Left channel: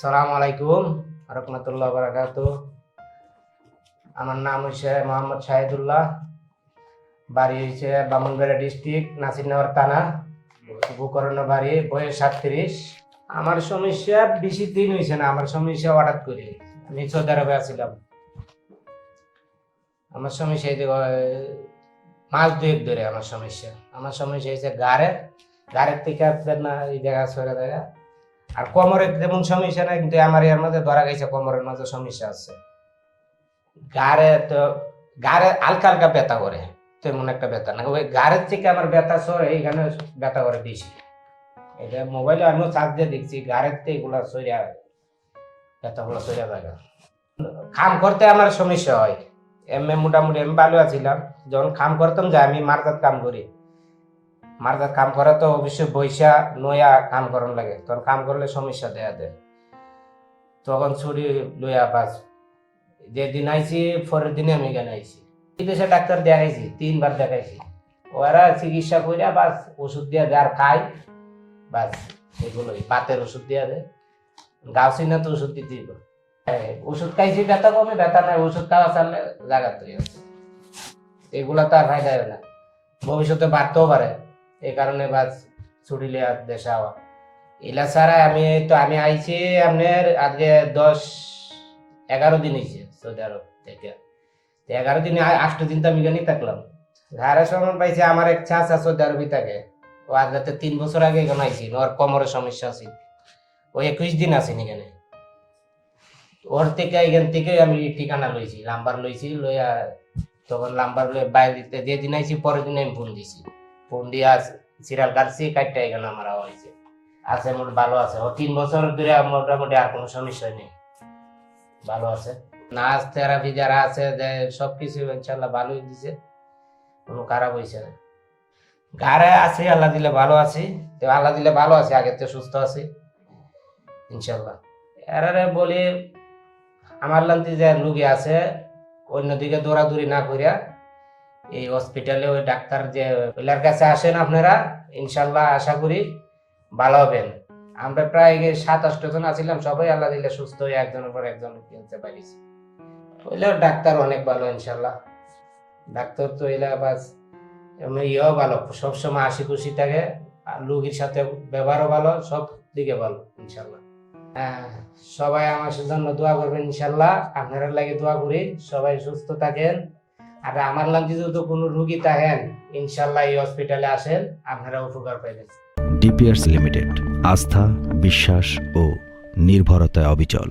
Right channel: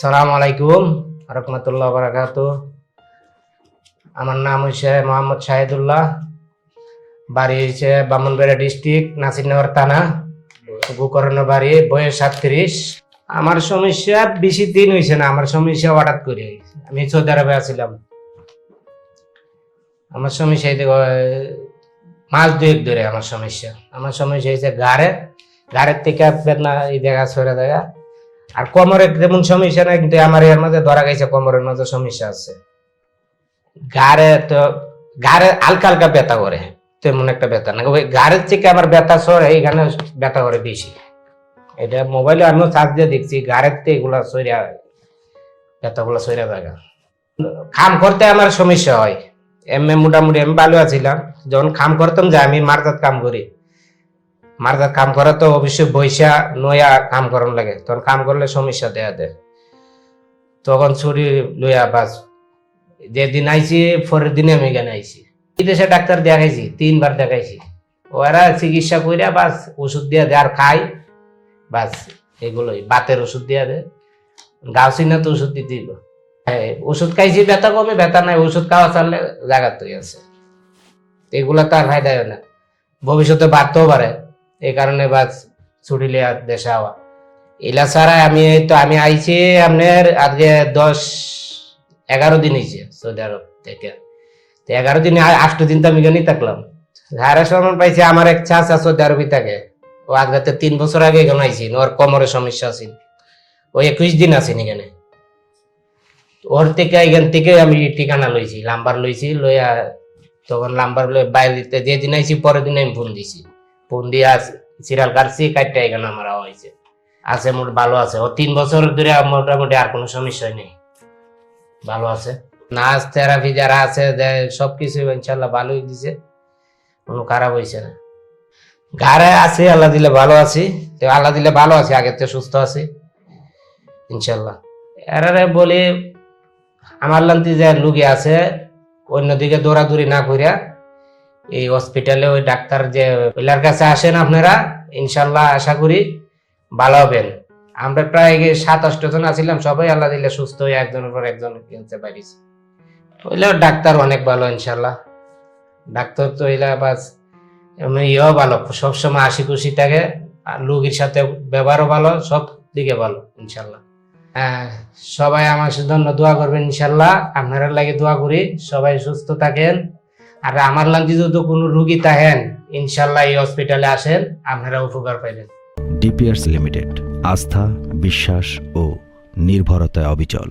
সালাম আলাইকুম রহমতুল্লাহ বারাকাত আমার নাম হচ্ছে মোহাম্মদ শাহিদুল্লাহ বাড়ি হচ্ছে বামনবেড়া ডিস্ট্রিক্ট নাসিরনগর থানা গোকর্ণ বাড়ি বয়স সাতত্রিশ। আমার সমস্যা বেশি দিন হয়েছে না আমার সমস্যা হঠাৎ করে। আমি সৌদি আরবে আছিলাম। আমার সমস্যা মাস দুয়েক ধরে আমার সমস্যা। আমার সমস্যা হয়েছে গাড়ে গাড়ের থেকে বেদনা এই দেখা সরে দেখা। আর কোমরের যেমন সমস্যা নাই, কিন্তু আমার এর মধ্যে ধরা গেছে, কোমরের মধ্যে সমস্যা আছে। গাড়ে তো গাড়ে হালকা হালকা ব্যথা করে, তেমন একটা ব্যথা না ওই গাড়ের থেকে আমার ব্যথা সরে এখানে ব্যথা করে বেশি। এটা মোবাইলে আমিও চার্জ দিয়ে দেখছি গাড়ের থেকে এগুলা সরিয়া ব্যথাগুলো সরিয়া থাকা খাম করতে আমার সমস্যা হয়। এমনি মোটামুটি, আমি ভালো আছিলাম। যখন খাম করতাম যে আমি মার্কাত কাম করি। মার্কাত কাম করা তো অবশ্যই বৈশা নয়া কাম করার লাগে। তখন কাম করলে সমস্যা দেয়া দেয়। তখন ছুরি লইয়া বাস। যেদিন আইছি পরের দিনে আমি এখানে আইছি। বিদেশে ডাক্তার দেখাইছি তিনবার দেখাইছি। ওরা চিকিৎসা কইরা বাস ওষুধ দিয়া দেয় আর খাই বাস এগুলোই বাতের ওষুধ দিয়া দেয়। গাউসিনা তো ওষুধ দিতে হইব। হ্যাঁ, ওষুধ খাইছি ব্যথা কমে ব্যথা নাই ওষুধ খাওয়া চাললে জায়গা তো আছে। এগুলা তো আর ফায়দা হয় না। ভবিষ্যতে বাড়তেও পারে। এই কারণে বাস ছুটি লিয়া দেশে হওয়া এলা ছাড়া আমি তো, আমি আইছি আপনার আজকে দশ, এগারো দিন হয়েছে সৌদি আরব থেকে। তো এগারো দিন আষ্ট দিন তো আমি এখানেই থাকলাম। হারা সময় পাইছে আমার এক চাচা সৌদি আরবই থাকে। ও আজকে তিন বছর আগে এখানে আইছি, ওর কোমরের সমস্যা আছে। ও একুশ দিন আছেন এখানে। ওর থেকে এখান থেকে আমি ঠিকানা লইছি লাম্বার লইছি, লইয়া তখন লাম্বার লই বাইরে যেদিন আইছি, পরের দিন আমি ফোন দিছি। ফোন দিয়া সিরিয়াল কাটছি কাটটা এখানে আমার হয়েছে। আছে মোট ভালো আছে। ও তিন বছর ধরে মোটামুটি আর কোনো সমস্যা নেই। ভালো আছে। নাচ থেরাপি যারা আছে, যে- সবকিছু ইনশাল্লাহ ভালোই দিছে। কোনো খারাপ হয়েছে না। গাড়ে আছে, আল্লাহ দিলে ভালো আছি। তো আল্লাহ দিলে ভালো আছি, আগের থেকে সুস্থ আছি। ইনশাল্লাহ। এরারে বলি, আমার লান্তি যে লুগি আছে, অন্যদিকে দৌড়াদৌড়ি না করিয়া এই হসপিটালে ওই ডাক্তার যে ওইলার কাছে আসেন আপনারা, ইনশাল্লাহ আশা করি ভালো হবেন। আমরা প্রায় সাত আষ্ট জন আছিলাম, সবাই আল্লাহ দিলে সুস্থ হয়ে একজনের পর একজন কিনতে পারিস ওইলা ডাক্তার অনেক ভালো, ইনশাল্লাহ। ডাক্তার তো ওইলা বাস ইয়েও ভালো, সবসময় হাসি খুশি থাকে, আর রুগীর সাথে ব্যবহারও ভালো, সব দিকে ভালো, ইনশাল্লাহ। হ্যাঁ সবাই আমার জন্য দোয়া করবেন, ইনশাল্লাহ। আপনারা লাগে দোয়া করি, সবাই সুস্থ থাকেন। আর আমার লাগে যদি কোনো রুগী থাকেন, ইনশাল্লাহ এই হসপিটালে আসেন, আপনারা উপকার পাইবেন। ডিপিআরস লিমিটেড, আস্থা, বিশ্বাস ও নির্ভরতায় অবিচল।